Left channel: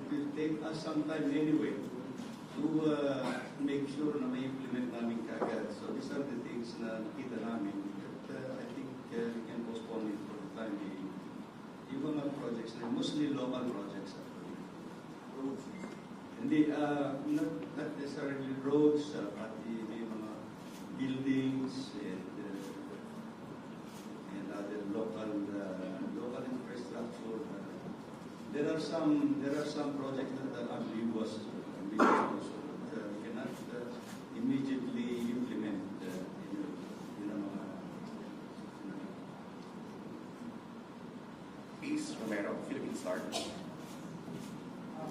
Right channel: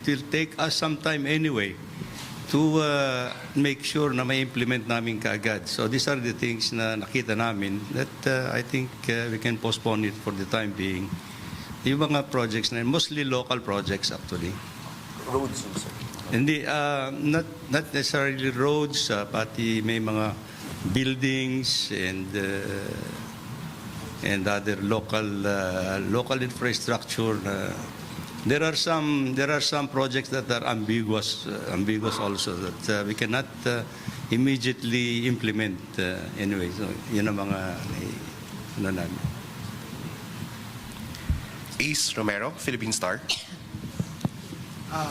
It will take us some time anyway to make sure na may implement namin kaagad. So these are the things na nakita namin that I think we can postpone it for the time being. Yung mga projects na mostly local projects actually. Roads, sir. Hindi, not necessarily roads, pati may mga buildings and other local infrastructure. There are some projects that are ambiguous also that we cannot immediately implement anyway. So yun ang mga ano namin. Ace Romero, Philippine Star.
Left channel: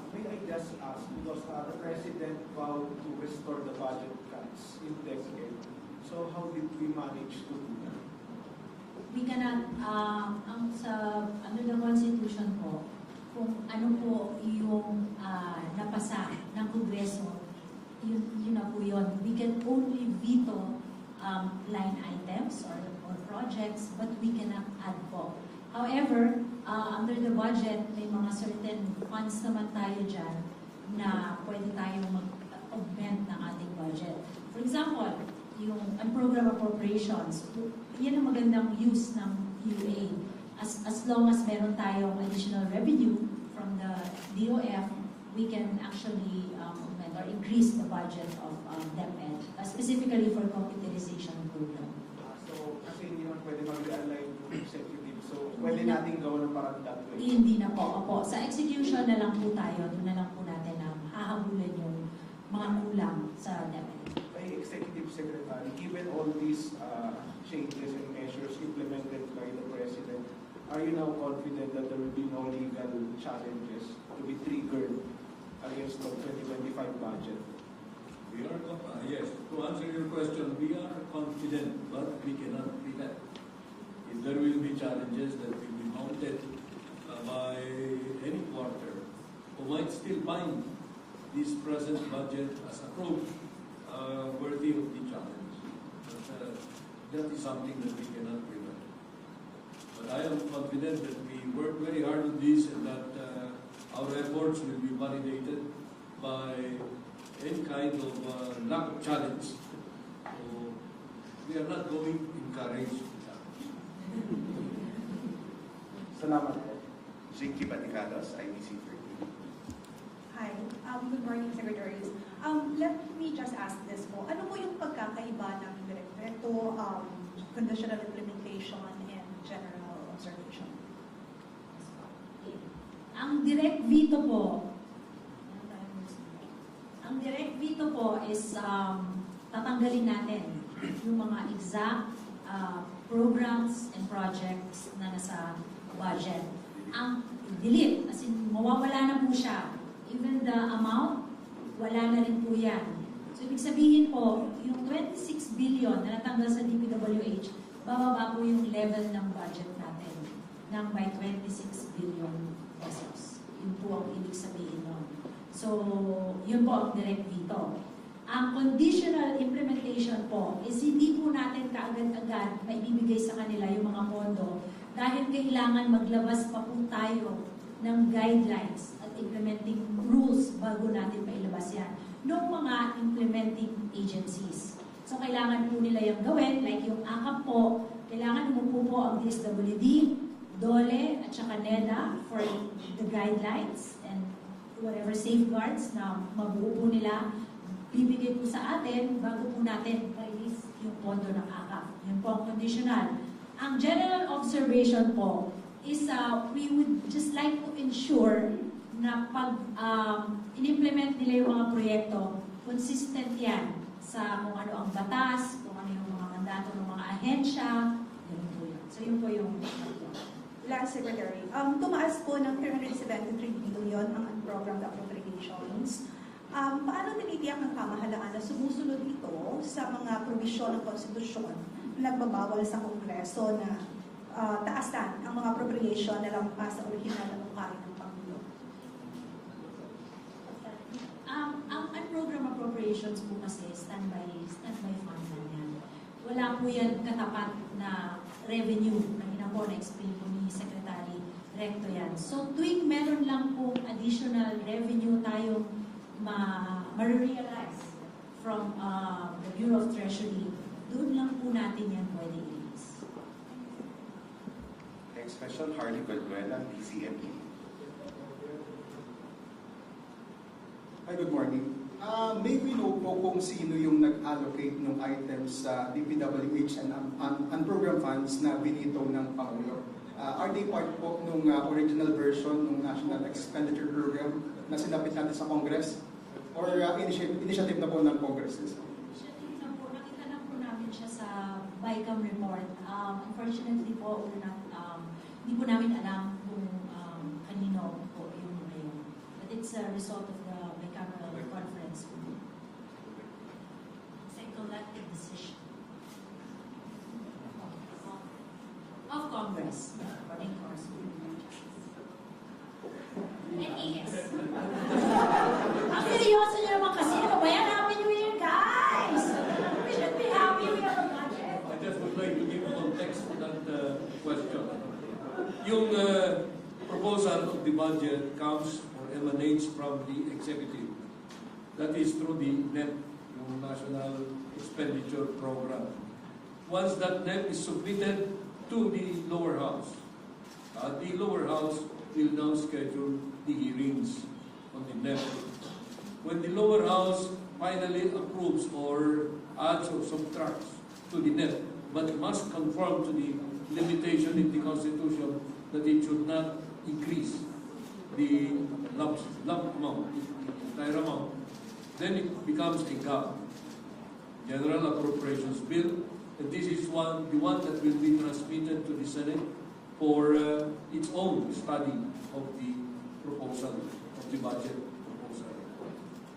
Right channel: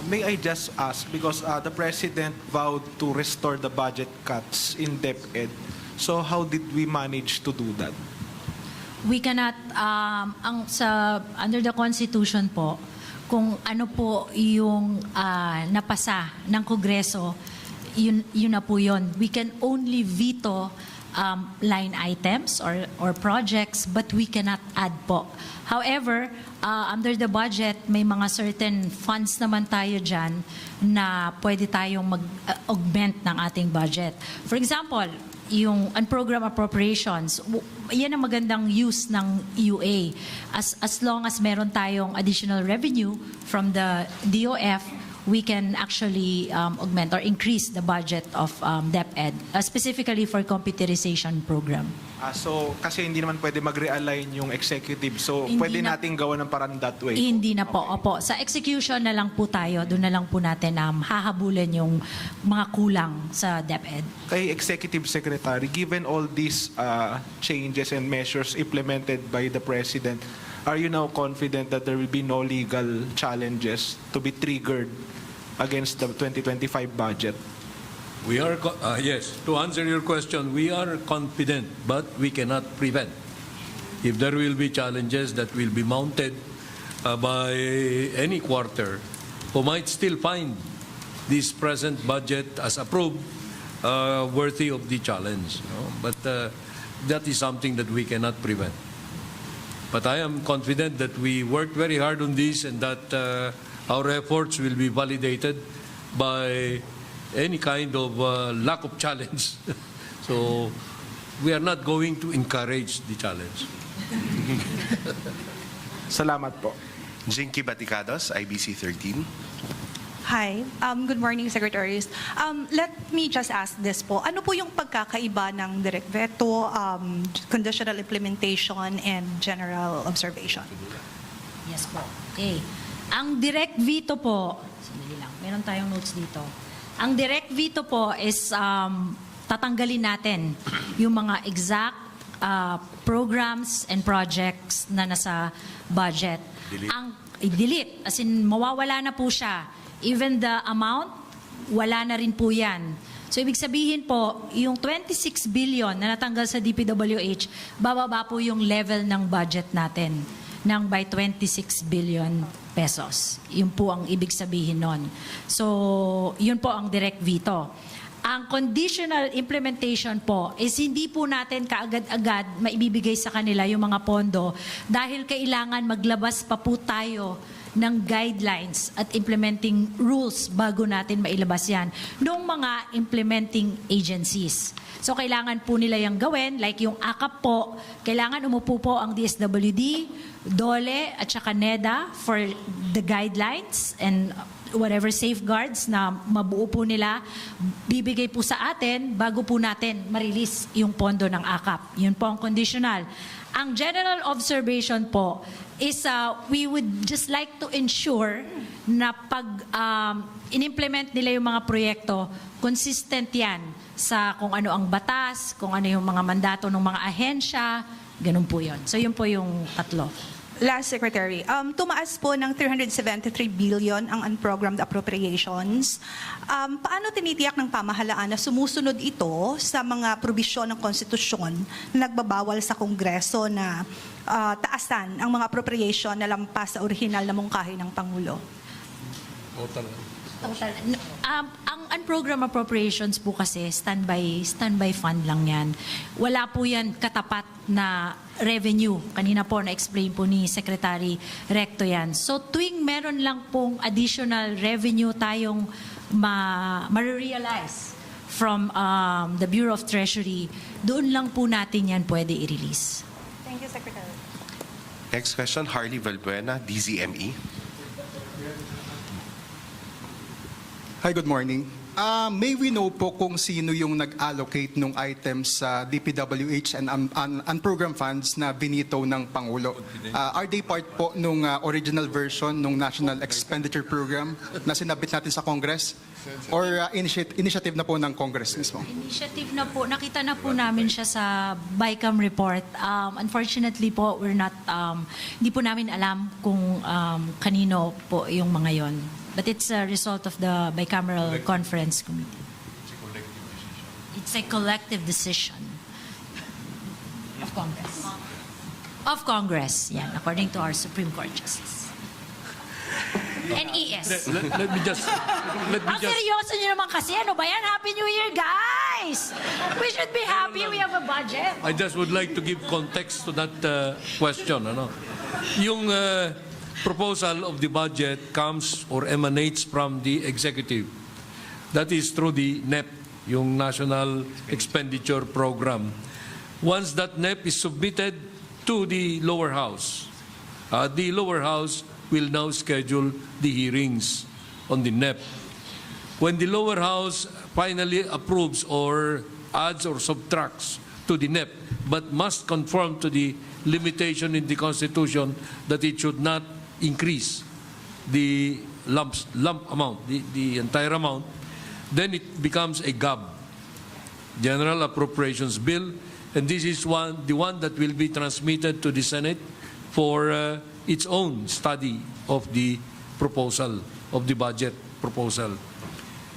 May I just ask, because the President vowed to restore the budget cuts in DepEd, so how did we manage to do that? We cannot, under the Constitution po, kung ano po yung napasa ng Kongreso, yun na po yun. We can only veto line items or projects, but we cannot add po. However, under the budget, may mga certain funds naman tayo dyan na pwede tayong mag-augment ng ating budget. For example, yung unprogrammed appropriations, yan ang magandang use ng UA. As long as meron tayong additional revenue from the DOF, we can actually augment or increase the budget of DepEd, specifically for computerization program. So, kasi hindi naman pwede mag-realign yung executive, so Hindi pwede na- nating gawa ng parang that way. Hindi na po. Opo. Sa execution na lang po tayo, doon na lang po natin hahabulin yung mga kulang sa DepEd. Kay Executive Secretary, given all these changes and measures implemented by the President, are you now confident that there will be no legal challenges to be triggered against the 2025 budget? We are, yes, to answer your question, we are confident, but we cannot prevent. If there will be challenges that will be mounted by any quarter, who might still find this present budget as approved worthy of the challenge. No? But that is something that we cannot prevent. But I am confident that we worked very hard on this and that our efforts will be validated by any kind of lack of challenge. So we are not going to encourage the challenge. Salamat po. Jinky Baticados, IBC 13. Hi. Good morning, Secretaries. Let me just ask this po. Ano po yung pagkakaiba ng direct veto, conditional implementation, and general observation? Yes po. Okay. Ang direct veto po, sandali lang, meron tayong notes dito. Ang direct veto po is tatanggalin natin yung mga exact programs and projects na nasa budget. Delete. As in, mawawala na po siya. Even the amount, wala na rin po yan. So, ibig sabihin po, yung 26 billion na natanggal sa DPWH, bababa po yung level ng budget natin ng by 26 billion pesos. Yun po ang ibig sabihin nun. So, yun po ang direct veto. Ang conditional implementation po is hindi po natin kaagad-agad maibibigay sa kanila yung mga pondo dahil kailangan maglabas pa po tayo ng guidelines at implementing rules bago natin mailabas yan ng mga implementing agencies. So, kailangan po nila yung gawin, like yung AKAP po, kailangan umupo po ang DSWD, DOLE, at saka NEDA for the guidelines and whatever safeguards na mabuo po nila, bibigay po sa atin bago po natin ma-release yung pondo ng AKAP. Yun po ang conditional. Ang general observation po is we would just like to ensure na pag in-implement nila yung mga proyekto, consistent yan sa kung ano ang batas, kung ano yung mga mandato ng mga ahensya, ganun po yun. So yun po yung tatlo. Last, Secretary, tumaas po ng 373 billion ang unprogrammed appropriations. Paano tinitiyak ng pamahalaan na sumusunod ito sa mga probisyon ng konstitusyon na nagbabawal sa Kongreso na taasan ang mga appropriation na lampas sa orihinal na mungkahi ng Pangulo? Total. Ang unprogrammed appropriations po kasi standby fund lang yan. Wala po yan katapat na revenue. Kanina po na-explain po ni Secretary Recto yan. So tuwing meron lang pong additional revenue tayong ma-realize from the Bureau of Treasury, doon lang po natin yan pwede i-release. Thank you, Secretary. Next question, Harley Valbuena, DZME. Hi, good morning. May we know po kung sino yung nag-allocate ng items sa DPWH and unprogrammed funds na binito ng Pangulo? Are they part po nung original version ng National Expenditure Program na sinabit natin sa Congress? Or initiative na po ng Congress mismo? Initiative na po, nakita na po namin siya sa BICAM report. Unfortunately po, hindi po namin alam kung kanino po yung mga yon. But it's a result of the bicameral conference committee. It's a collective decision of Congress. Of Congress, yan, according to our Supreme Court Justice. NES. Let me just Ang seryoso niyo naman kasi, ano ba yan? Happy New Year, guys! We should be happy we have a budget. I just would like to give context to that question. Ano? Yung proposal of the budget comes or emanates from the executive. That is through the NEP, yung National Expenditure Program. Once that NEP is submitted to the lower house will now schedule the hearings on the NEP. When the lower house finally approves or adds or subtracts to the NEP, but must conform to the limitation in the Constitution that it should not increase the lump amount, the entire amount, then it becomes a GAB, General Appropriations Bill, and this is the one that will be transmitted to the Senate for its own study of the proposal, of the budget proposal.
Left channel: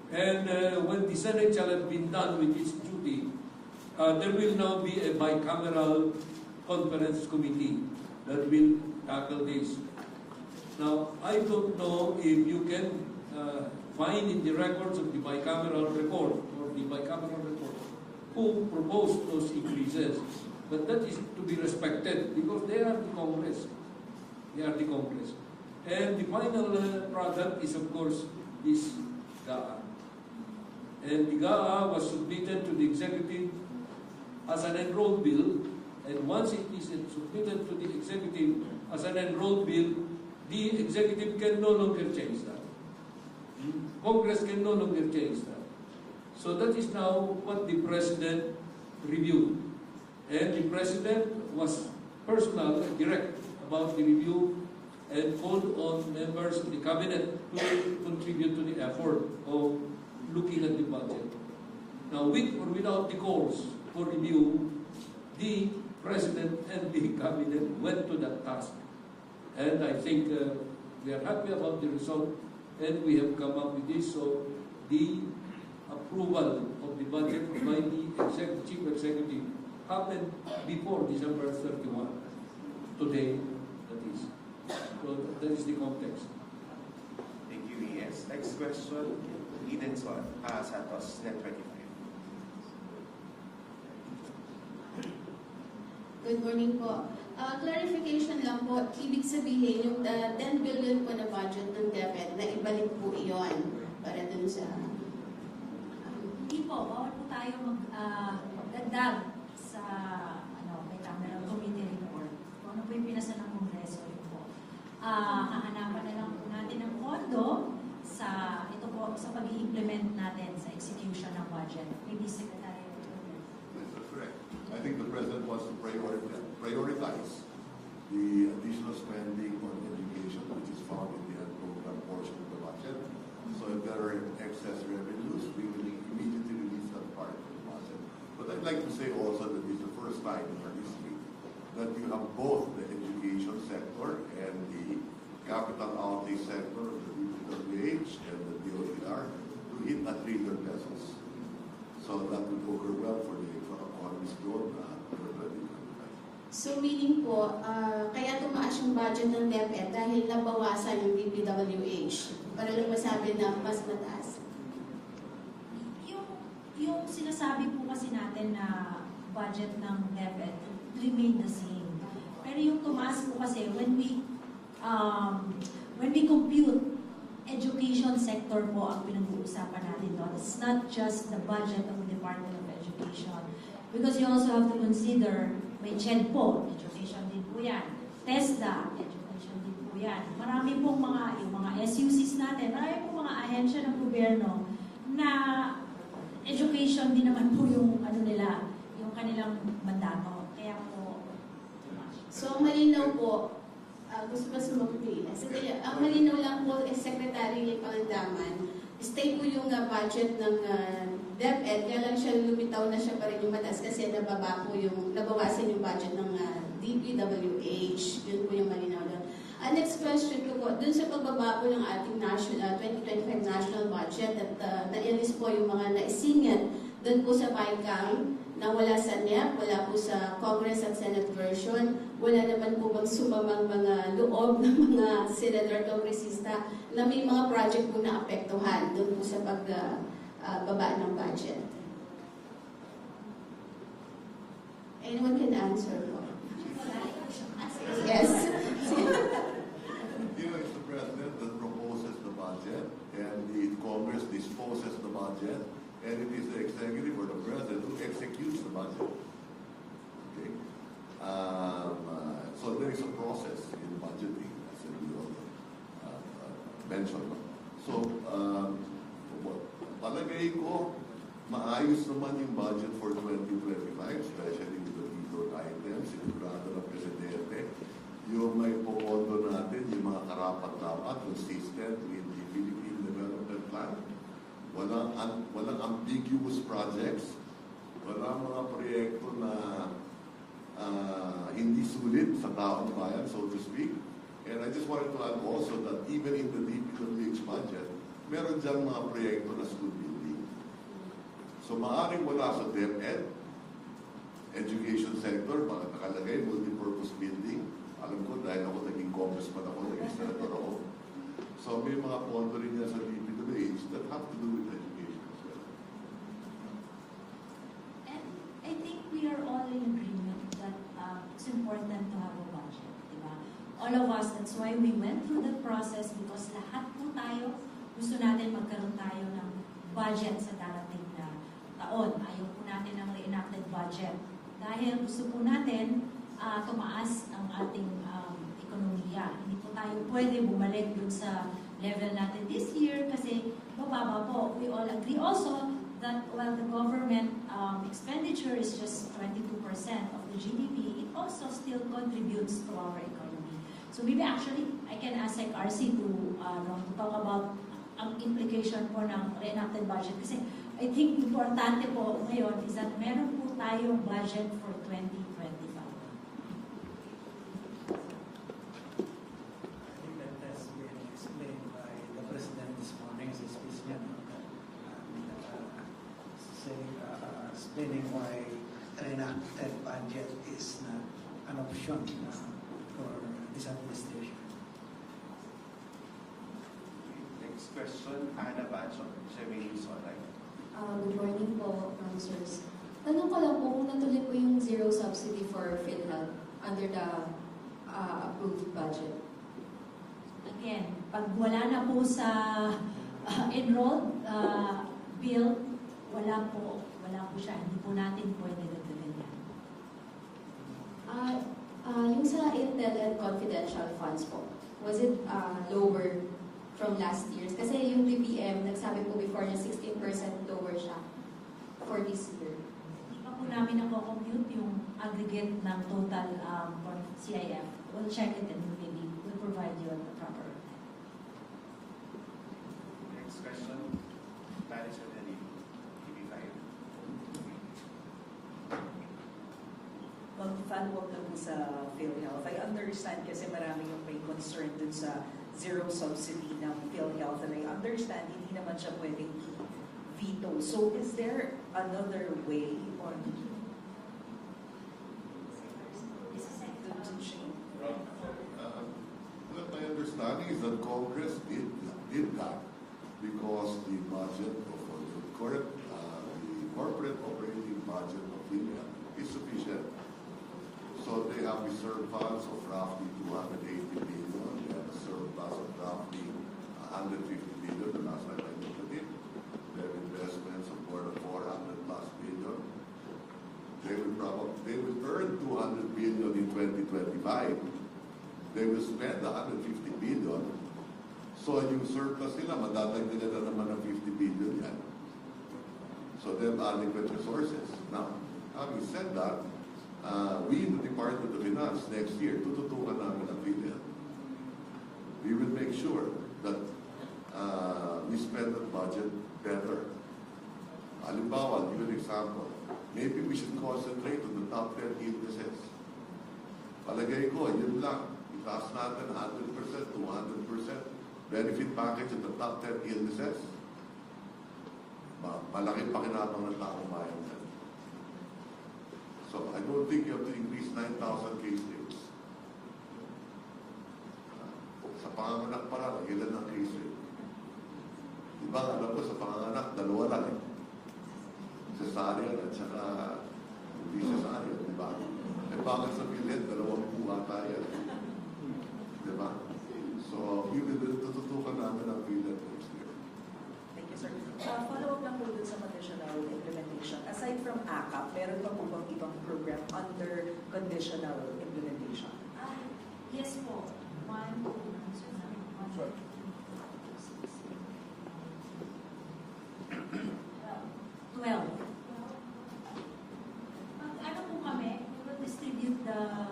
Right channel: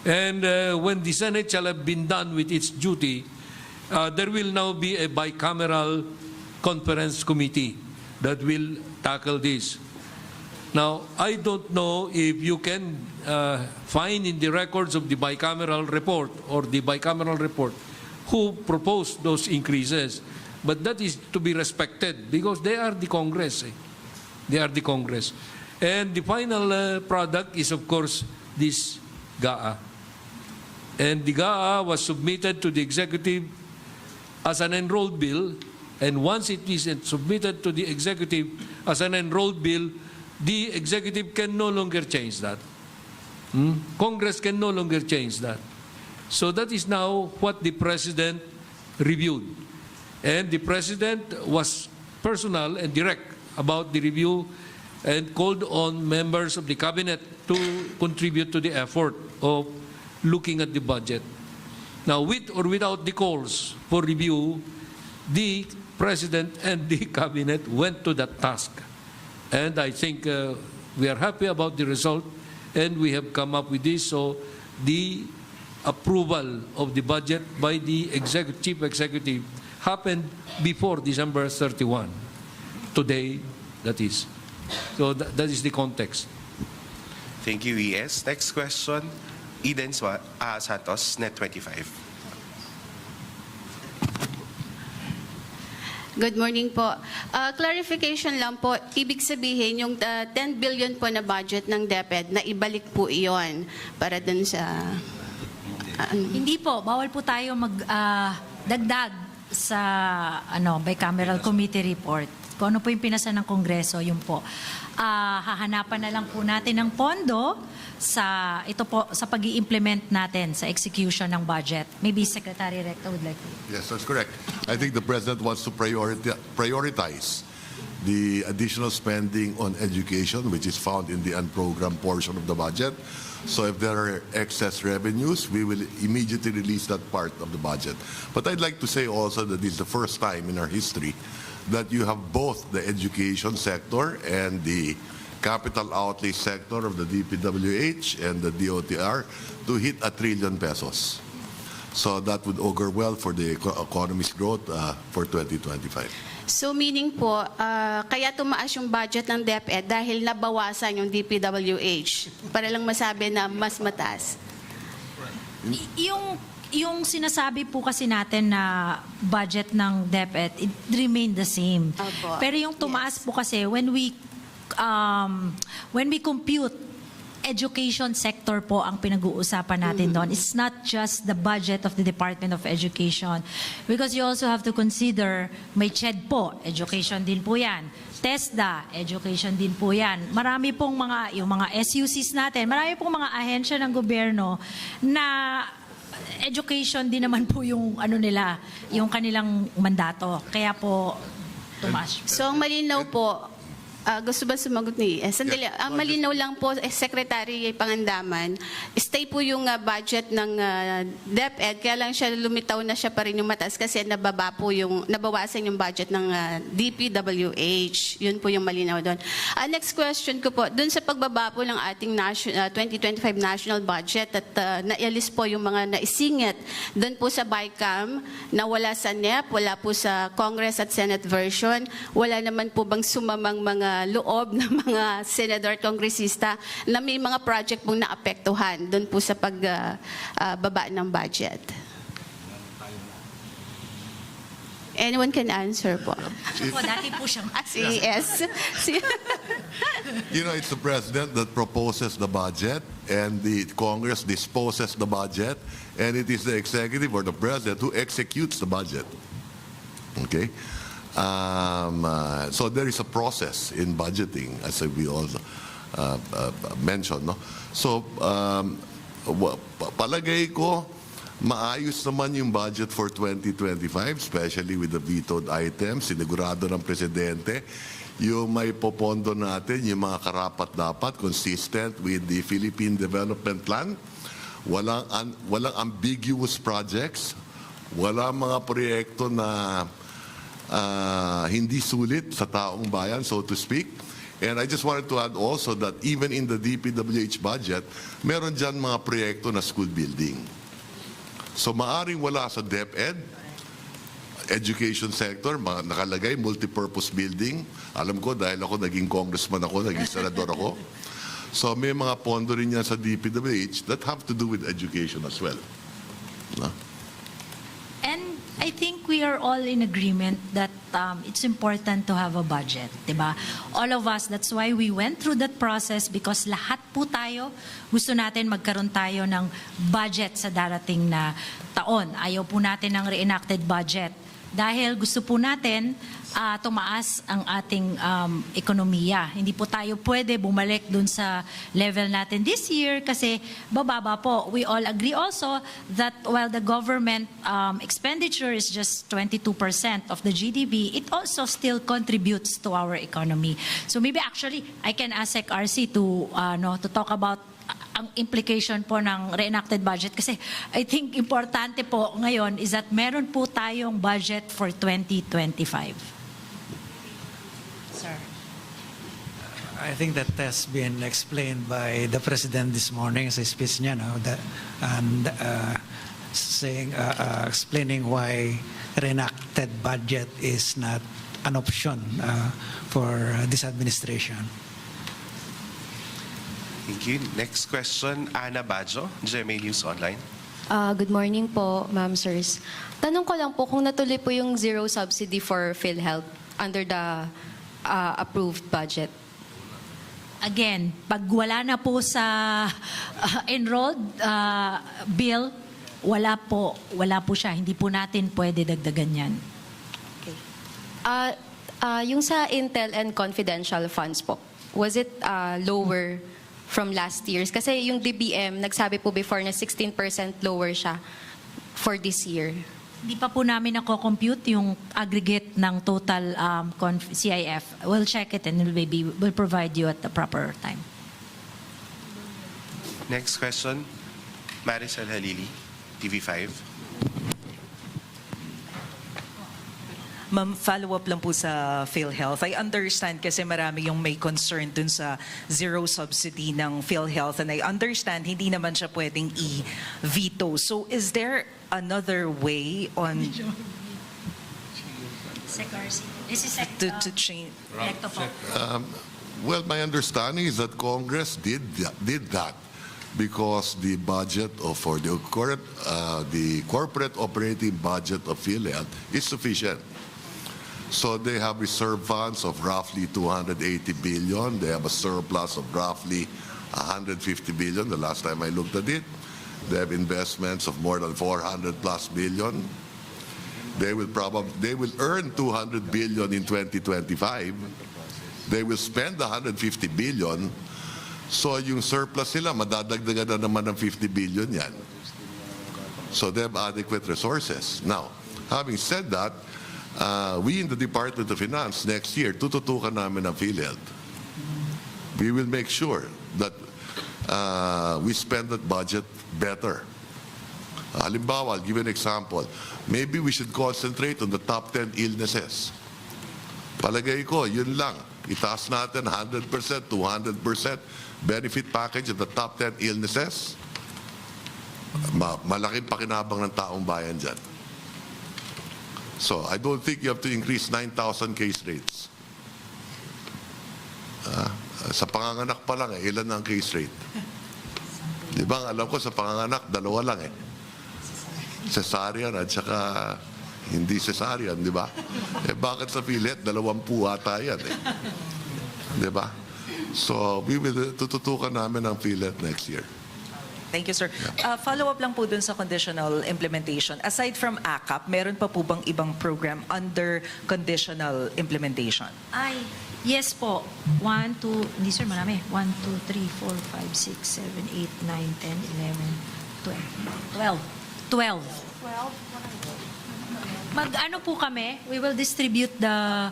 And when the Senate shall have been done with its duty, there will now be a bicameral conference committee that will tackle this. Now, I don't know if you can find in the records of the bicameral report or the bicameral report who proposed those increases, but that is to be respected because they are the Congress. They are the Congress. And the final product is, of course, this GAA. And the GAA was submitted to the executive as an enrolled bill, and once it is submitted to the executive as an enrolled bill, the executive can no longer change that. Congress can no longer change that. So that is now what the President reviewed. And the President was personal and direct about the review and called on members of the Cabinet to contribute to the effort of looking at the budget. Now, with or without the calls for review, the President and the Cabinet went to that task. And I think we are happy about the result, and we have come up with this. So the approval of the budget by the Chief Executive happened before December 31. Today, that is. So that is the context. Thank you, ES. Next question, Eden Santos, Net 25. Good morning po. Clarification lang po, ibig sabihin yung 10 billion po na budget ng DepEd, na ibalik po iyon para dun sa... Hindi po, bawal po tayo magdagdag sa bicameral committee report. Kung ano po yung pinasa ng Kongreso, yun po. Hahanapan na lang po natin ng pondo sa pag-i-implement natin sa execution ng budget. Maybe Secretary Recto would like to. Yes, that's correct. I think the President wants to prioritize the additional spending on education, which is found in the unprogrammed portion of the budget. So if there are excess revenues, we will immediately release that part of the budget. But I'd like to say also that this is the first time in our history that you have both the education sector and the capital outlay sector of the DPWH and the DOTR to hit 1 trillion pesos. So that would augur well for the economy's growth for 2025. So meaning po, kaya tumaas yung budget ng DepEd dahil nabawasan yung DPWH para lang masabi na mas mataas. yung sinasabi po kasi natin na budget ng DepEd, it remained the same. Opo. Pero yung tumaas po kasi when we compute, education sector po ang pinag-uusapan natin doon. It's not just the budget of the Department of Education. Because you also have to consider, may CHED po, education din po yan. TESDA, education din po yan. Marami pong yung mga SUCs natin, marami pong mga ahensya ng gobyerno na education din naman po yung nila, yung kanilang mandato. Kaya po, tumaas. So, ang malinaw po, gusto ba sumagot ni Sandali. Ang malinaw lang po, Secretary Pangandaman, stay po yung budget ng DepEd, kaya lang siya lumitaw na siya pa rin yung mataas kasi nabawasan yung budget ng DPWH. Yun po yung malinaw doon. Next question ko po, doon sa pagbaba po ng ating 2025 national budget at naialis po yung mga naisingit doon po sa BICAM na wala sa NEP, wala po sa Congress at Senate version, wala naman po bang sumamang mga loob ng mga senador at kongresista na may mga project pong naapektuhan doon po sa pagbaba ng budget? Anyone can answer po. Po, dati po siyang Yes. You know, it's the president that proposes the budget and the Congress disposes the budget, and it is the executive or the president who executes the budget. Okay? So there is a process in budgeting, as we all mentioned. No? So palagay ko, maayos naman yung budget for 2025, especially with the vetoed items. Sinigurado ng Presidente yung may popondo natin, yung mga karapat-dapat, consistent with the Philippine Development Plan. Walang ambiguous projects. Walang mga proyekto na hindi sulit sa taong bayan, so to speak. And I just wanted to add also that even in the DPWH budget, meron dyan mga proyekto na school building. So maaring wala sa DepEd, education sector, nakalagay multipurpose building. Alam ko dahil ako naging congressman ako, naging senador ako. So may mga pondo rin yan sa DPWH that have to do with education as well. No? And I think we are all in agreement that it's important to have a budget, diba? All of us, that's why we went through that process because lahat po tayo, gusto natin magkaroon tayo ng budget sa darating na taon. Ayaw po natin ng reenacted budget dahil gusto po natin tumaas ang ating ekonomiya. Hindi po tayo pwede bumalik dun sa level natin this year kasi bababa po. We all agree also that while the government expenditure is just 22% of the GDP, it also still contributes to our economy. So maybe actually I can ask RC to talk about ang implication po ng reenacted budget kasi I think importante po ngayon is that meron po tayong budget for 2025. Sir. I think that has been explained by the President this morning sa speech niya, explaining why reenacted budget is not an option for this administration. Thank you. Next question, Ana Bajo, GMA News Online. Good morning po, ma'am, sirs. Tanong ko lang po kung natuloy po yung zero subsidy for PhilHealth under the approved budget. Again, pag wala na po sa enrolled bill, wala po siya. Hindi po natin pwede dagdagan yan. Okay. Yung sa Intel and confidential funds po, was it lower from last year's? Kasi yung DBM, nagsabi po before na 16% lower siya for this year. Hindi pa po namin nako-compute yung aggregate ng total CIF. We'll check it and we'll provide you at the proper time. Next question, Maricel Halili, TV5. Ma'am, follow-up lang po sa PhilHealth. I understand kasi marami yung may concern dun sa zero subsidy ng PhilHealth and I understand hindi naman siya pwedeng i-veto. So is there another way on to change? Well, my understanding is that Congress did that because the budget for the corporate operating budget of PhilHealth is sufficient. So they have reserve funds of roughly 280 billion. They have a surplus of roughly 150 billion the last time I looked at it. They have investments of more than 400 plus billion. They will earn 200 billion in 2025. They will spend 150 billion. So yung surplus nila, madadagdagan na naman ng 50 billion yan. So they have adequate resources. Now, having said that, we in the Department of Finance next year, tututukan namin ang PhilHealth. We will make sure that we spend that budget better. Halimbawa, I'll give you an example. Maybe we should concentrate on the top 10 illnesses. Palagay ko, yun lang. Itaas natin 100%, 200% benefit package of the top 10 illnesses. Malaking pakinabang ng taong bayan dyan. So, I don't think you have to increase 9,000 case rates. Sa panganganak pa lang, ilan ang case rate? Di ba? Alam ko sa panganganak, dalawa lang eh. Cesarean at saka hindi cesarean, di ba? Eh bakit sa PhilHealth, 20 ata yan eh. Di ba? So, tututukan namin ang PhilHealth next year. Thank you, sir. Follow-up lang po dun sa conditional implementation. Aside from ACAP, meron pa po bang ibang program under conditional implementation? Ay, yes po. 1, 2, hindi sir, marami. 1, 2, 3, 4, 5, 6, 7, 8, 9, 10, 11, 12. Mag-ano po kami, we will distribute the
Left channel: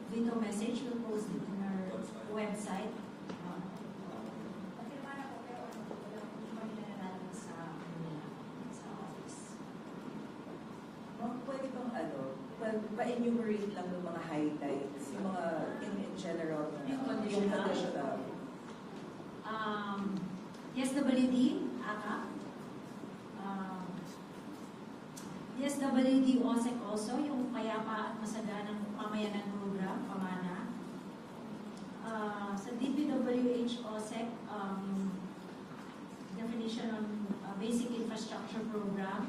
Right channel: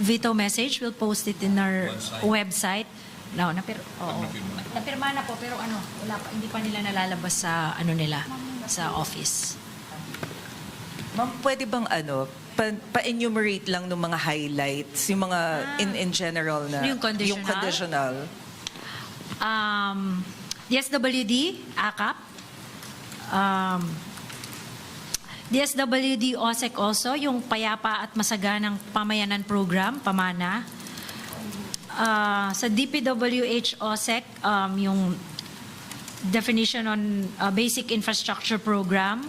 veto message. We'll post it in our website. No, napirma na po, pero wala pa, hindi pa nila nalalabas sa nila, sa office. Ma'am, pwede bang pa-enumerate lang ng mga highlights, yung mga in general na Yung conditional? DSWD, ACAP, DSWD OSEC also, yung Payapa at Masaganang Pamayanan Program, PAMANA. Sa DPWH OSEC, yung definition on basic infrastructure program.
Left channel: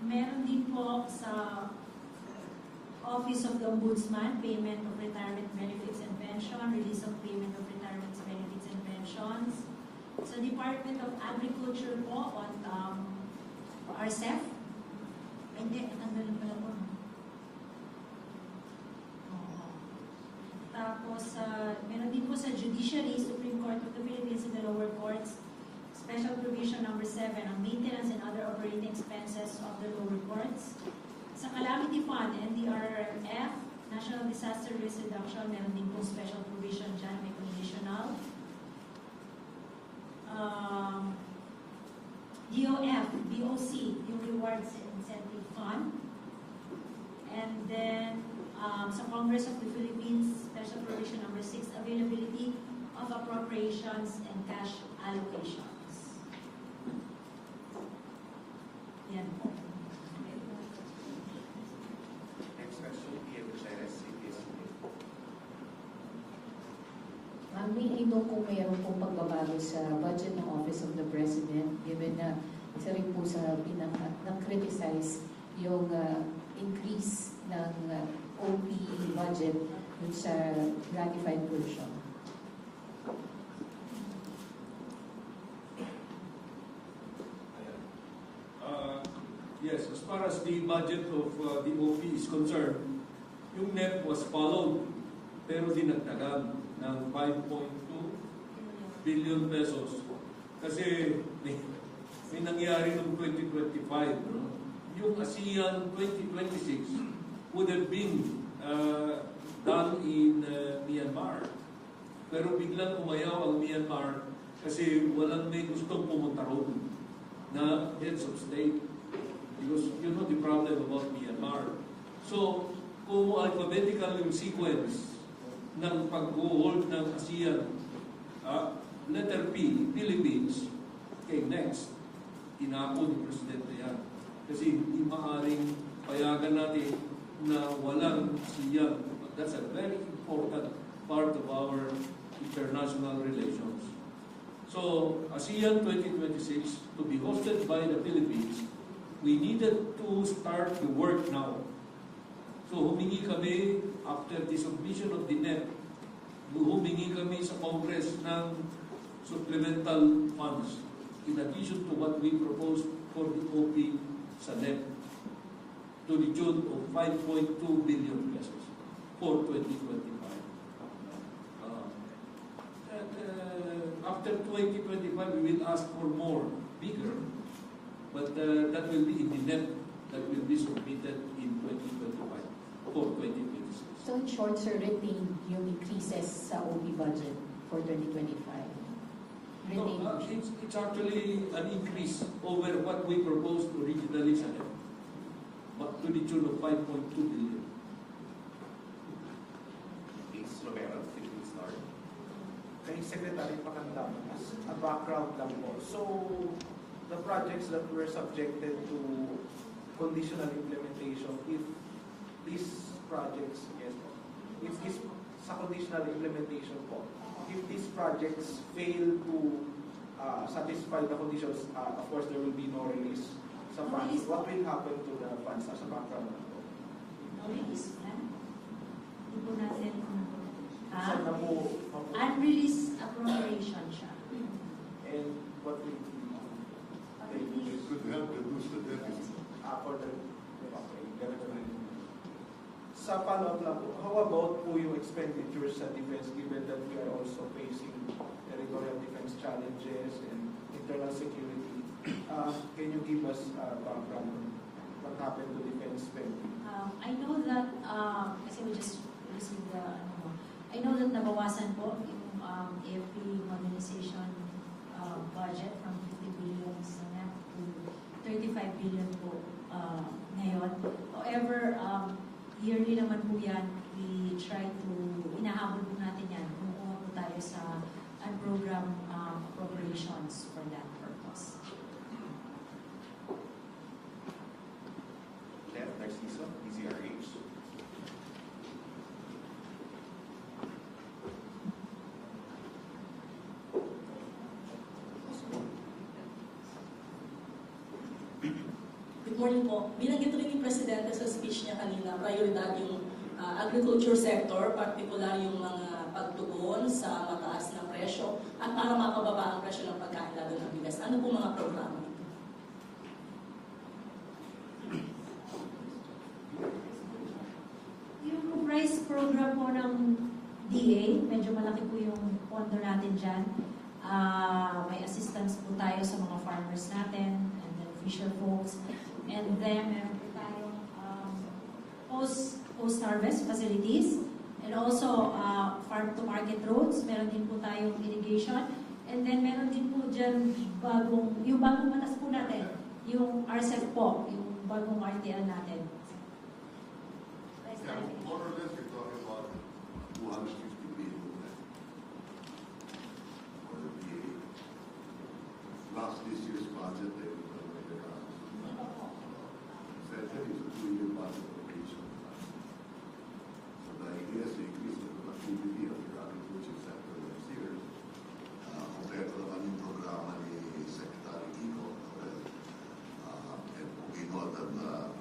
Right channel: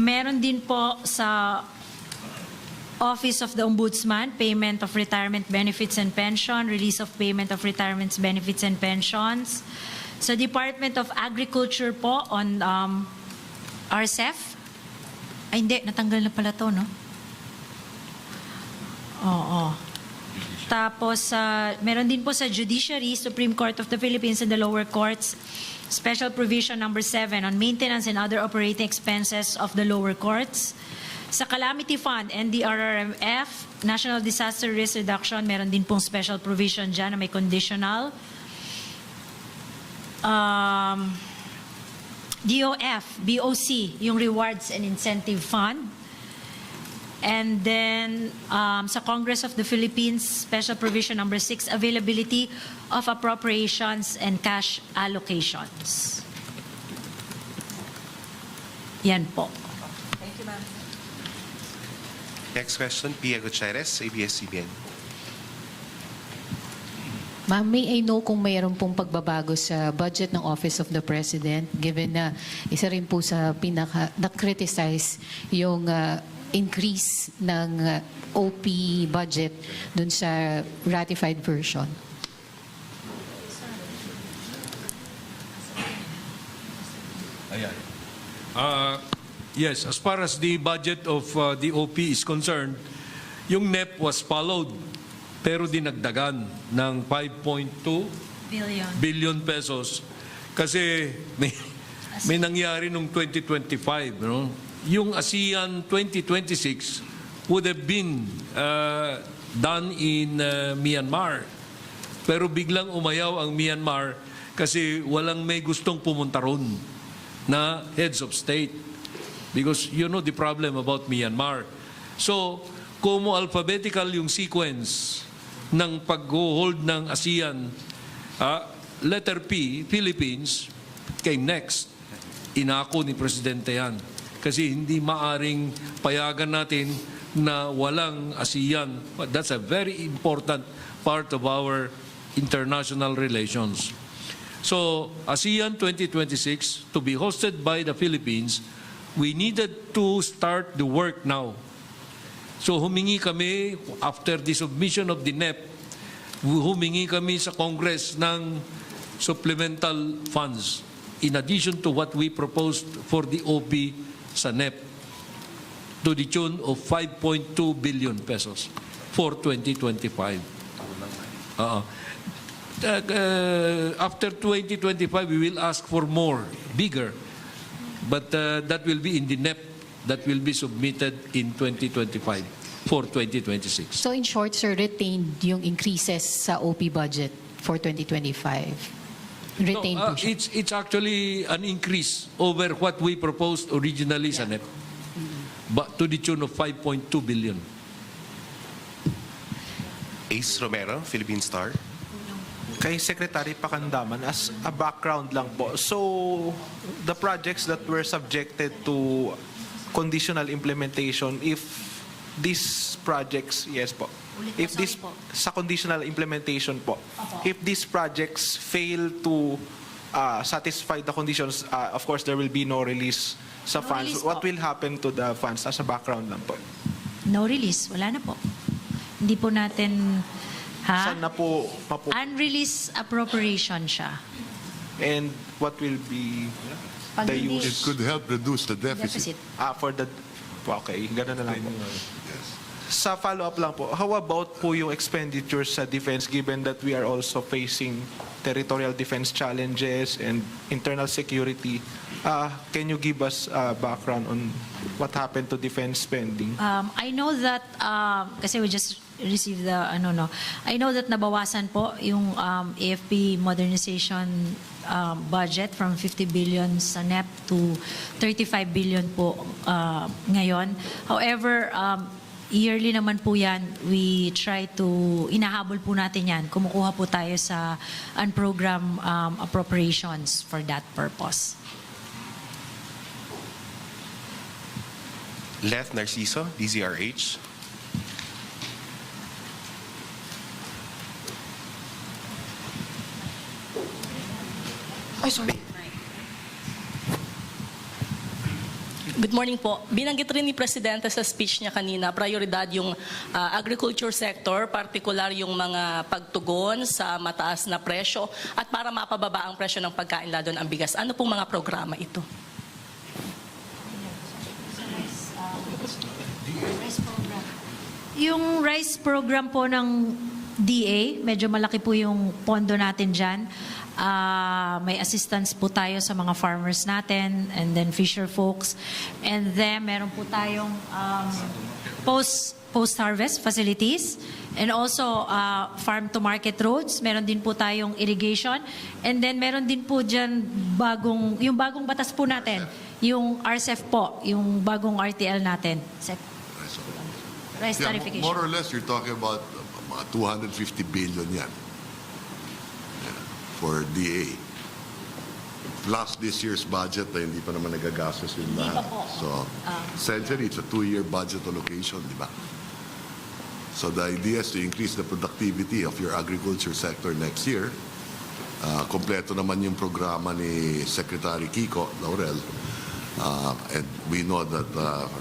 Meron din po sa Office of the Ombudsman, payment of retirement benefits and pension, release of payment of retirement benefits and pensions. Sa Department of Agriculture po on RCEF. Ay hindi, natanggal na pala to, no? Oo. Tapos, meron din po sa Judiciary, Supreme Court of the Philippines and the lower courts, Special Provision number 7 on maintenance and other operating expenses of the lower courts. Sa Calamity Fund, NDRRMF, National Disaster Risk Reduction, meron din pong special provision dyan na may conditional. DOF, BOC, yung Rewards and Incentive Fund. And then, sa Congress of the Philippines, Special Provision number 6, Availability of Appropriations and Cash Allocations. Yan po. Thank you, ma'am. Next question, Pia Gutierrez, ABS-CBN. Ma'am, may I know kung mayroon pong pagbabago sa budget ng Office of the President given na isa rin po sa na-criticize yung increase ng OP budget dun sa ratified version? Yes, as far as the budget of the OP is concerned, yung NEP was followed pero dinagdagan ng 5.2 billion pesos kasi may nangyari nung 2025, no? Yung ASEAN 2026 would have been done in Myanmar. Pero biglang umayaw ang Myanmar kasi walang may gustong pumunta ron na heads of state. Because you know the problem about Myanmar. So, kung alphabetical yung sequence ng pag-hold ng ASEAN, letter P, Philippines, came next. Inako ni Presidente yan. Kasi hindi maaring payagan natin na walang ASEAN. But that's a very important part of our international relations. So, ASEAN 2026, to be hosted by the Philippines, we needed to start the work now. So, humingi kami, after the submission of the NEP, humingi kami sa Congress ng supplemental funds in addition to what we proposed for the OP sa NEP to the tune of 5.2 billion pesos for 2025. After 2025, we will ask for more, bigger, but that will be in the NEP that will be submitted in 2025 for 2026. So in short, sir, retained yung increases sa OP budget for 2025? Retained po siya? It's actually an increase over what we proposed originally sa NEP, but to the tune of 5.2 billion. Ace Romero, Philippine Star. Kay Secretary Pakandaman, as a background lang po, so the projects that were subjected to conditional implementation, if these projects, yes po, if this, sa conditional implementation po, if these projects fail to satisfy the conditions, of course there will be no release sa funds. release What po. will happen to the funds? As a background lang po. No release, wala na po. Hindi po natin, Saan na po unreleased appropriation siya. and what will be Pag the hindi- It use could help reduce the deficit. for the, okay, ganun na lang po. Yes. Sa follow-up lang po, how about po yung expenditures sa defense given that we are also facing territorial defense challenges and internal security? Can you give us background on what happened to defense spending? I know that, kasi we just received the, I know that nabawasan po yung AFP modernization budget from 50 billion sa NEP to 35 billion po ngayon. However, yearly naman po yan, we try to, inahabol po natin yan. Kumukuha po tayo sa unprogrammed appropriations for that purpose. Leth Narciso, DZRH. Ay, sorry. Good morning po. Binanggit rin ni Presidente sa speech niya kanina, prioridad yung agriculture sector, particular yung mga pagtugon sa mataas na presyo at para mapababa ang presyo ng pagkain lalo ng bigas. Ano pong mga programa ito? Yung rice program po ng DA, medyo malaki po yung pondo natin dyan. May assistance po tayo sa mga farmers natin and then fisher folks. And then meron po tayong post-harvest facilities and also farm-to-market roads. Meron din po tayong irrigation. And then meron din po dyan yung bagong batas po natin, yung RCEF po, yung bagong RTL natin. Rice Yeah, tarification. more or less, you're talking about 250 billion yan. Yeah, for DA. Plus this year's budget na hindi pa naman nagagastos yung lahat. So, essentially, it's a 2-year budget allocation, di ba? So the idea is to increase the productivity of your agriculture sector next year. Kompleto naman yung programa ni Secretary Kiko Laurel. And we know that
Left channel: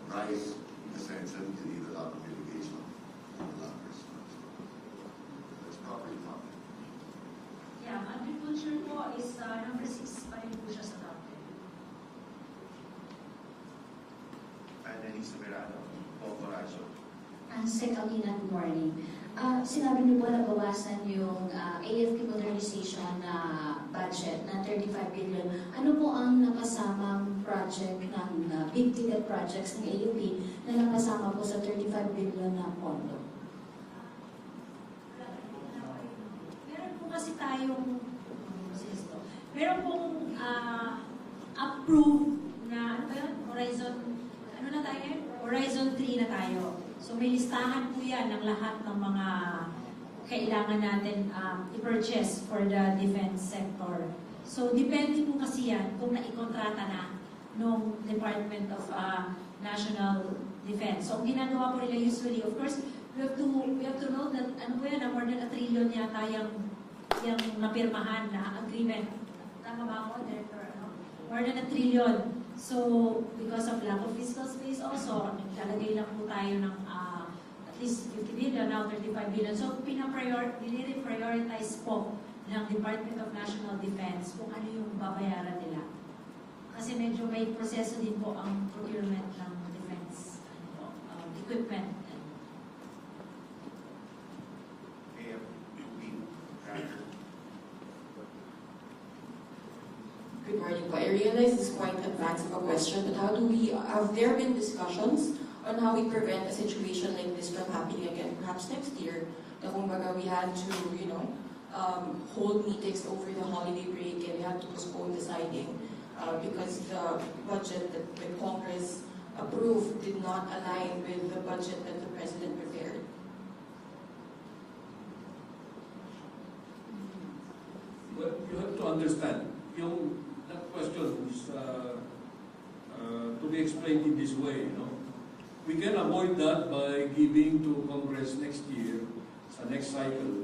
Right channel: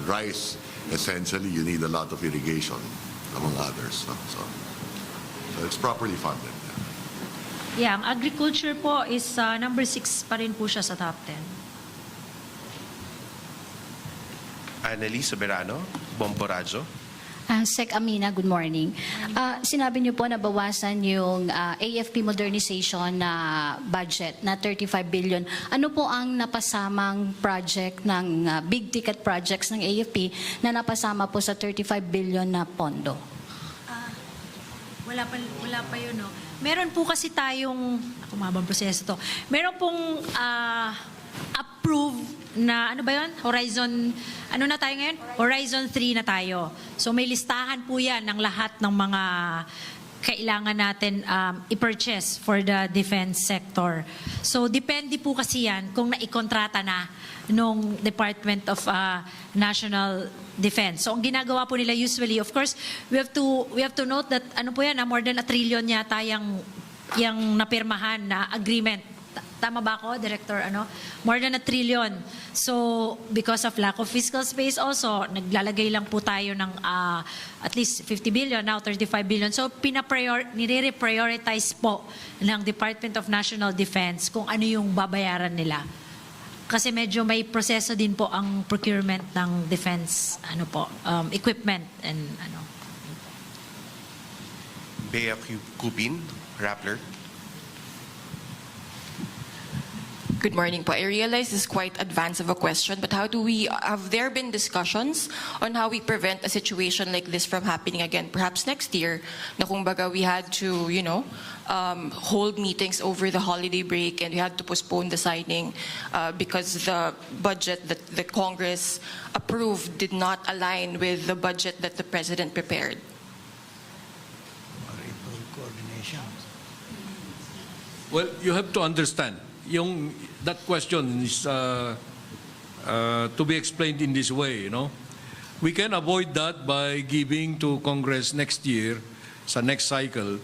rice, essentially, you need a lot of irrigation, among others. So it's properly funded. Yeah, ang agriculture po is number 6 pa rin po siya sa top 10. Annalise Soberano, Bomborazo. Sec Amina, good morning. Sinabi niyo po na bawasan yung AFP modernization na budget na 35 billion. Ano po ang napasamang project ng big ticket projects ng AFP na napasama po sa 35 billion na pondo? Wala pa yun, no? Meron po kasi tayong, umabang proseso to, meron pong approved na, ano ba yun? Horizon, ano na tayo ngayon? Horizon 3 na tayo. So may listahan po yan ng lahat ng mga kailangan natin i-purchase for the defense sector. So depende po kasi yan kung naikontrata na nung Department of National Defense. So ang ginagawa po nila usually, of course, we have to note that ano po yan, more than 1 trillion yata yung napirmahan na agreement Tama ba ako, Director? More than 1 trillion. So, because of lack of fiscal space also, naglalagay lang po tayo ng at least 50 billion, now 35 billion. So, nire-prioritize po ng Department of National Defense kung ano yung babayaran nila. Kasi medyo may proseso din po ang procurement ng defense equipment and Bea Cupin, Rappler. Good morning po. I realize this is quite advanced of a question, but have there been discussions on how we prevent a situation like this from happening again, perhaps next year, na kumbaga we had to, hold meetings over the holiday break and we had to postpone the signing because the budget that the Congress approved did not align with the budget that the President prepared? Well, you have to understand, that question is to be explained in this way, We can avoid that by giving to Congress next year, sa next cycle,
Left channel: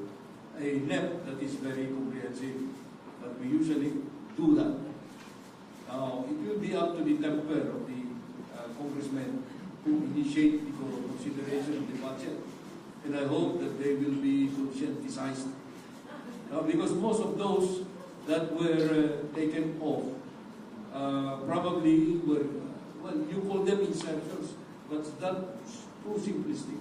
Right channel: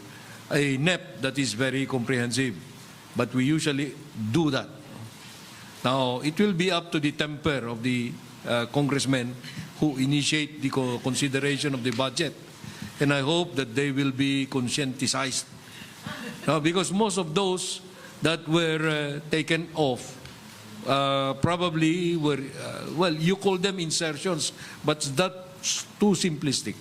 a NEP that is very comprehensive. But we usually do that. Now, it will be up to the temper of the congressmen who initiate the consideration of the budget. And I hope that they will be conscientized. Because most of those that were taken off probably were, you call them insertions, but that's too simplistic.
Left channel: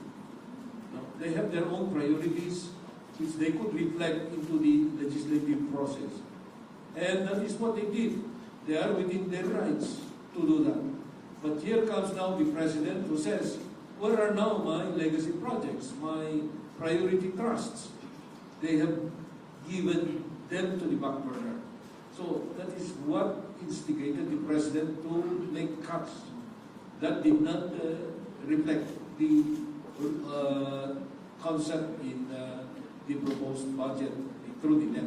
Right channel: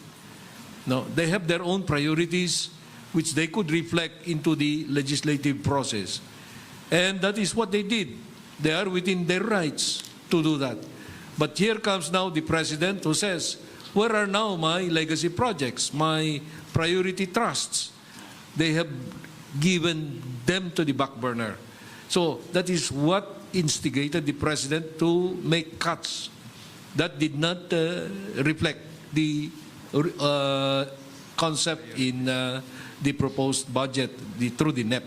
No, they have their own priorities which they could reflect into the legislative process. And that is what they did. They are within their rights to do that. But here comes now the President who says, where are now my legacy projects, my priority trusts? They have given them to the back burner. So that is what instigated the President to make cuts that did not reflect the concept in the proposed budget through the NEP.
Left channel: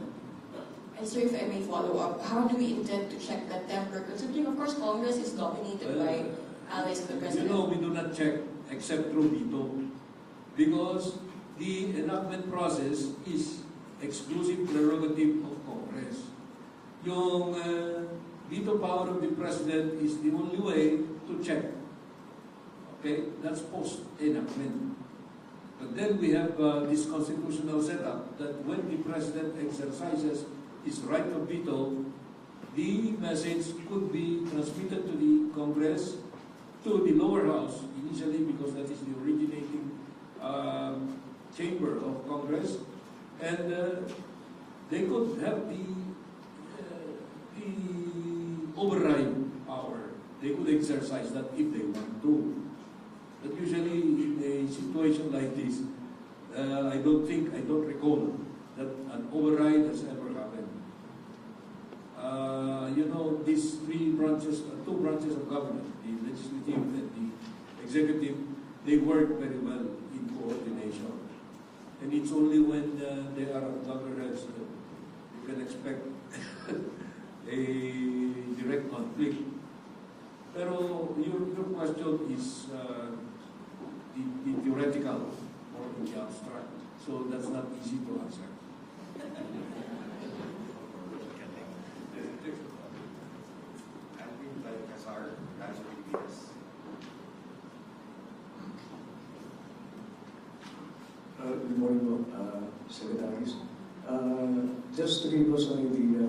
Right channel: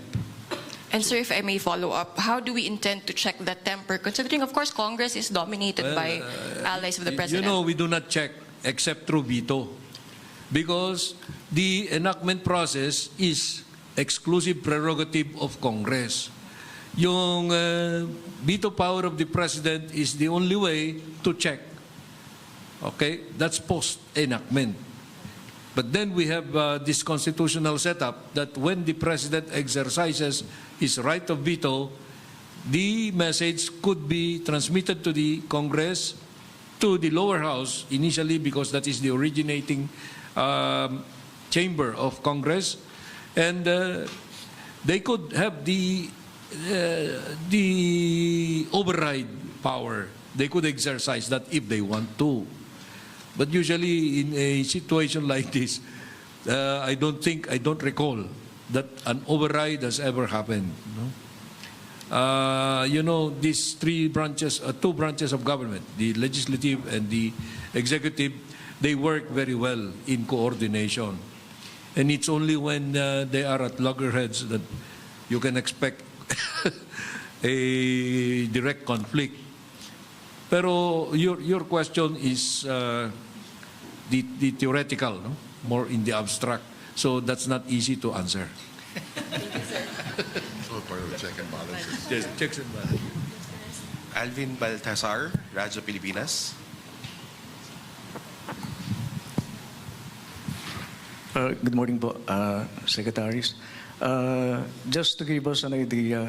And sir, if I may follow up, how do we intend to check that temper, considering, of course, Congress is dominated by allies of the President? We do not check except through veto. Because the enactment process is exclusive prerogative of Congress. Yung veto power of the President is the only way to check. Okay? That's post-enactment. But then we have this constitutional setup that when the President exercises his right of veto, the message could be transmitted to the Congress, to the lower house initially, because that is the originating chamber of Congress, and they could have the override power. They could exercise that if they want to. But usually in a situation like this, I don't recall that an override has ever happened. These two branches of government, the legislative and the executive, they work very well in coordination. And it's only when they are at loggerheads that you can expect a direct conflict. Pero your question is the theoretical, more in the abstract. So that's not easy to answer. So part of the check and balances. Yes, checks and balances. Alvin Baltasar, Radyo Pilipinas. Good morning po, Secretaries. Just to give us an idea,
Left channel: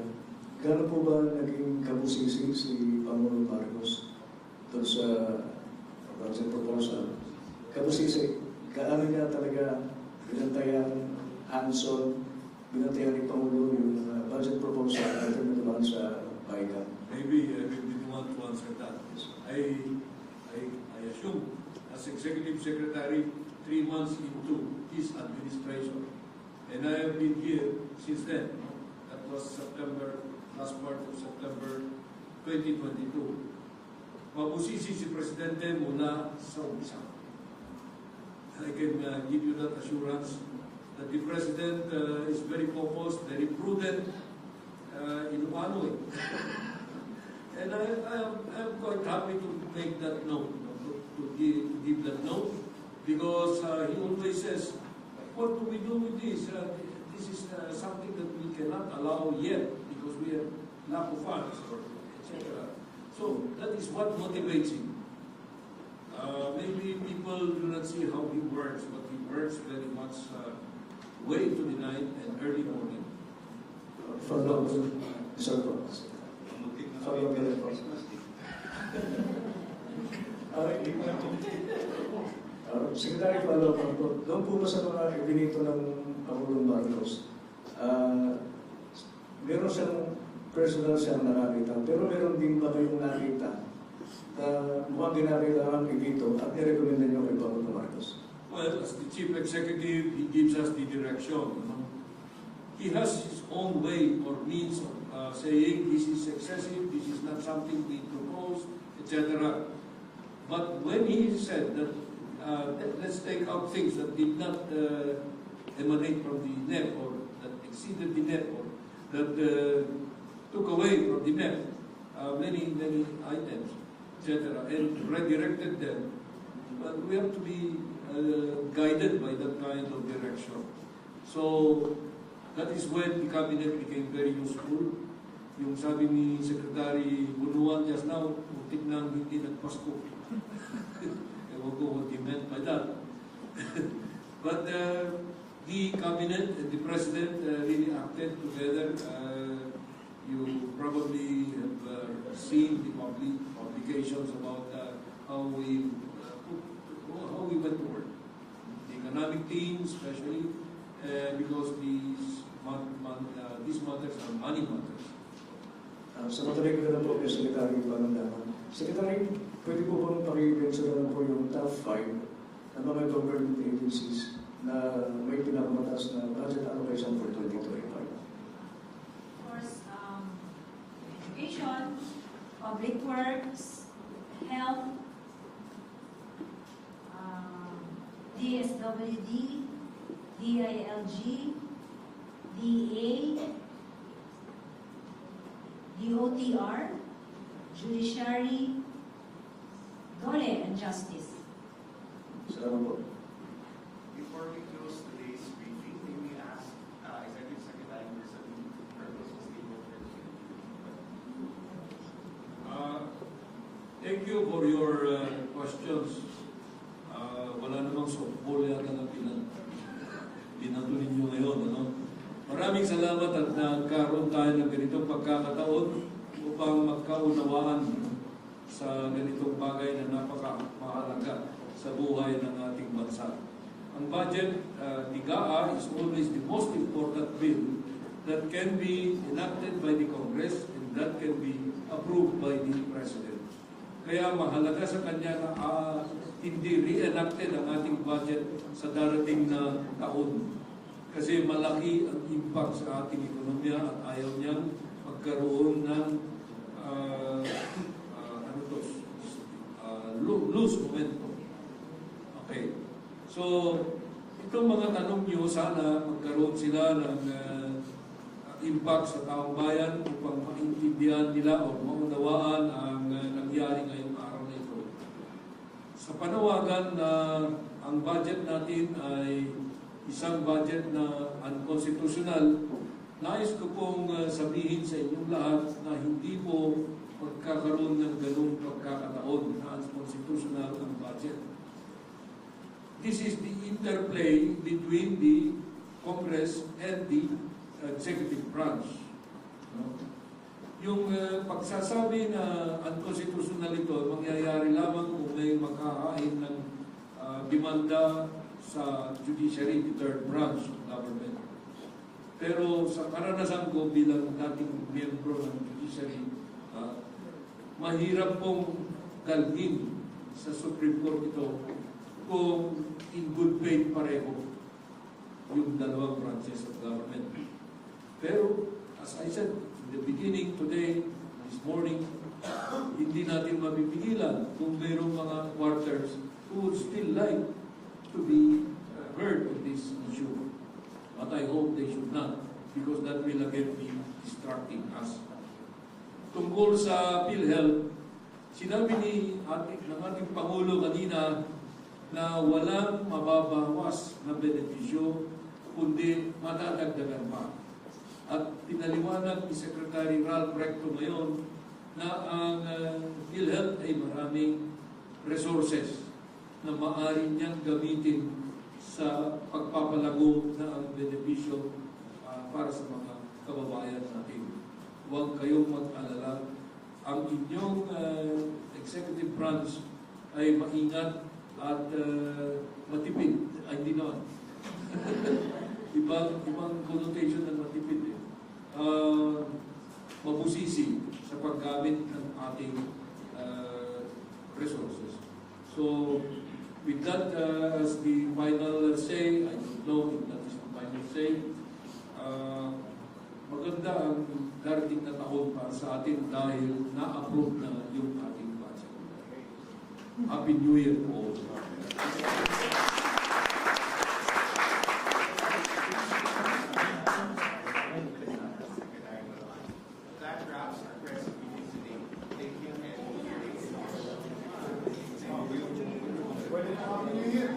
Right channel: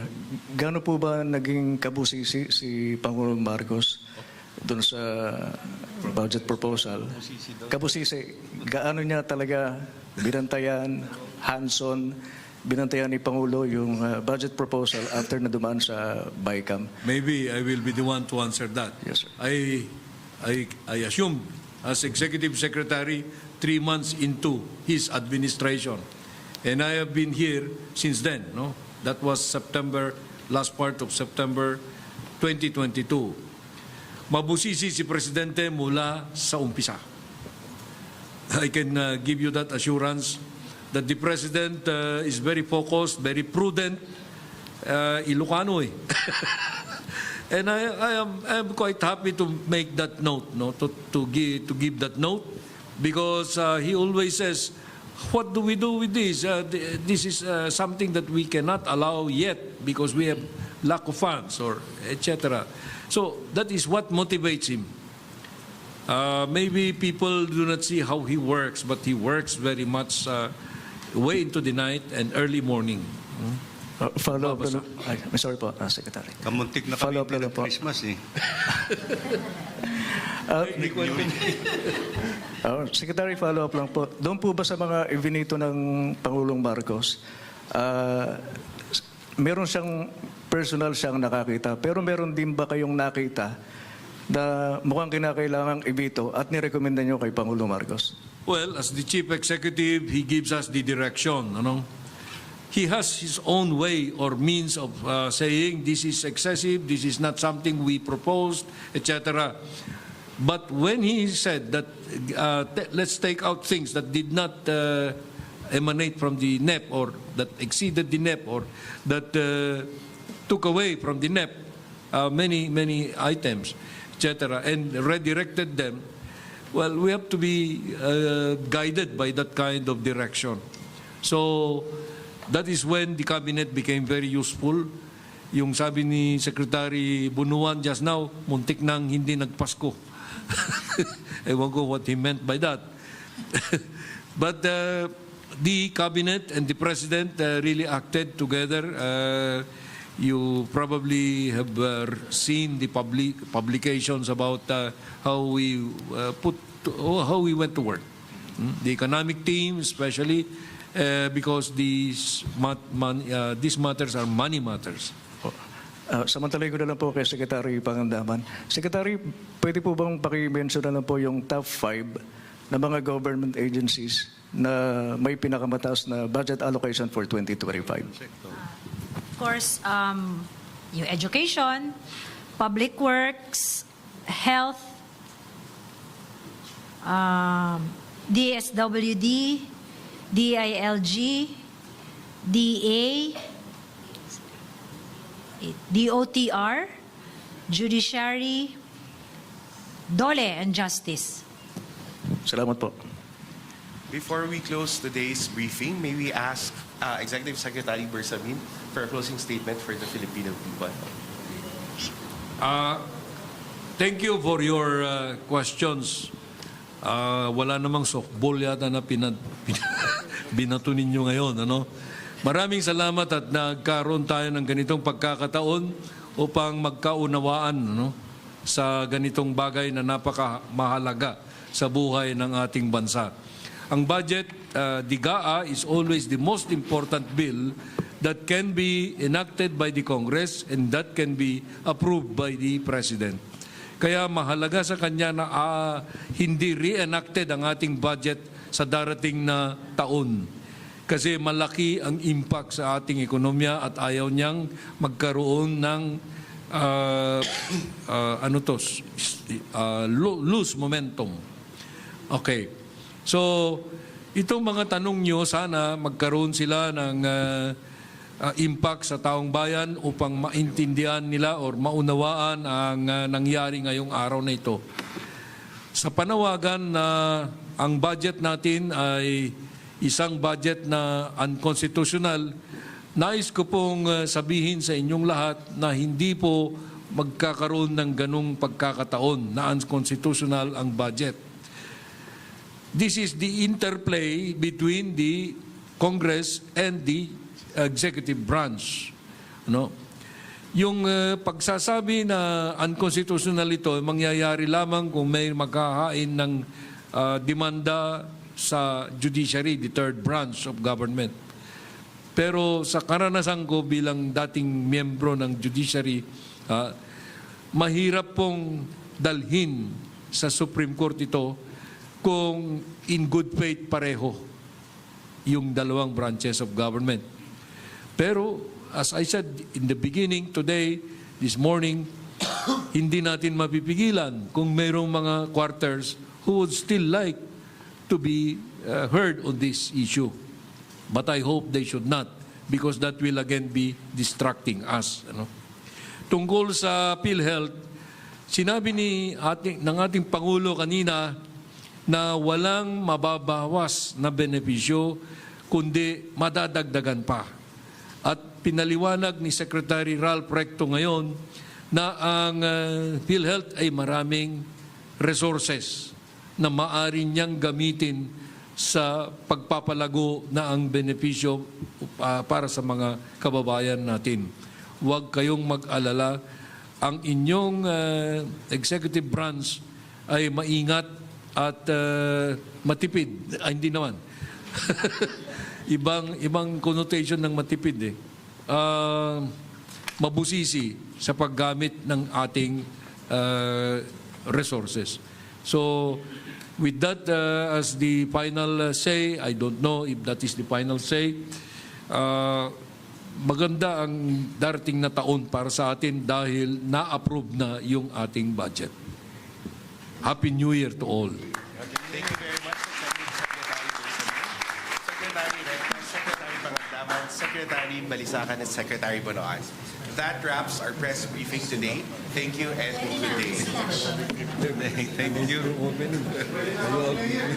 gaano po ba naging kabusisi si Pangulong Marcos doon sa budget proposal? Kabusisi, gaano niya talaga binantayan, hands-on, binantayan ni Pangulo yung budget proposal after na dumaan sa BICAM? Maybe I will be the one to answer that. Yes. I assume as Executive Secretary 3 months into his administration. And I have been here since then. That was last part of September 2022. Mabusisi si Presidente mula sa umpisa. I can give you that assurance that the President is very focused, very prudent, Ilocano eh. And I am quite happy to make that note, to give that note, because he always says, what do we do with this? This is something that we cannot allow yet because we have lack of funds or etc. So that is what motivates him. Maybe people do not see how he works, but he works very much way into the night and early morning. Follow up, sorry po, Secretary. Kamuntik na kami Follow up ng po. Christmas eh. Secretary, follow up lang po. Doon po ba sa mga ibinito ng Pangulong Marcos, meron siyang personal siyang nakakita, pero meron din ba kayong nakita na mukhang kinakailangang ibito at nirekomenda niyo kay Pangulong Marcos? Well, as the chief executive, he gives us the direction. He has his own way or means of saying this is excessive, this is not something we proposed, etc. But when he said that let's take out things that did not emanate from the NEP or that exceeded the NEP or that took away from the NEP many items, etc., and redirected them, well, we have to be guided by that kind of direction. So that is when the cabinet became very useful. Yung sabi ni Secretary Bunuan just now, muntik nang hindi nagpasko. Ewan ko what he meant by that. But the cabinet and the president really acted together. You probably have seen the publications about how we went to work. The economic team, especially, because these matters are money matters. Samantalay ko na lang po kay Secretary Pangandaman. Secretary, pwede po bang paki-mention na po yung top 5 na mga government agencies na may pinakamataas na budget allocation for 2025? Of course, yung education, public works, health, DSWD, DILG, DA, DOTR, Judiciary, Dole, and Justice. Salamat po. Before we close today's briefing, may we ask Executive Secretary Bersamin for a closing statement for the Filipino people. Thank you for your questions. Wala namang softball yata na binato ninyo ngayon. Maraming salamat at nagkaroon tayo ng ganitong pagkakataon upang magkaunawaan sa ganitong bagay na napakamahalaga sa buhay ng ating bansa. Ang budget, the GAA, is always the most important bill that can be enacted by the Congress and that can be approved by the President. Kaya mahalaga sa kanya na hindi re-enacted ang ating budget sa darating na taon. Kasi malaki ang impact sa ating ekonomiya at ayaw niyang magkaroon ng loose momentum. Okay. So, itong mga tanong niyo, sana magkaroon sila ng impact sa taong bayan upang maintindihan nila or maunawaan ang nangyari ngayong araw na ito. Sa panawagan na ang budget natin ay isang budget na unconstitutional, nais ko pong sabihin sa inyong lahat na hindi po magkakaroon ng ganung pagkakataon na unconstitutional ang budget. This is the interplay between the Congress and the executive branch. Yung pagsasabi na unconstitutional ito, mangyayari lamang kung may maghahain ng demanda sa judiciary, the third branch of government. Pero sa karanasan ko bilang dating miyembro ng judiciary, mahirap pong dalhin sa Supreme Court ito kung in good faith pareho yung dalawang branches of government. Pero as I said in the beginning today, this morning, hindi natin mapipigilan kung mayroong mga quarters who would still like to be heard on this issue. But I hope they should not, because that will again be distracting us. Tungkol sa PhilHealth, sinabi ng ating Pangulo kanina na walang mababawas na benepisyo, kundi madadagdagan pa. At pinaliwanag ni Secretary Ralph Recto ngayon na ang PhilHealth ay maraming resources na maaari niyang gamitin sa pagpapalago na ang benepisyo para sa mga kababayan natin. Huwag kayong mag-alala. Ang inyong executive branch ay maingat at matipid. Ay, hindi naman. ibang connotation ng matipid eh. Mabusisi sa paggamit ng ating resources. So, with that as the final say, I don't know if that is the final say, maganda ang darating na taon para sa atin dahil na-approve na yung ating budget. Happy New Year to all. Secretary Balisacan and Secretary Bonoan. That wraps our press briefing today. Thank you and good day. Thank you. Happy New Year!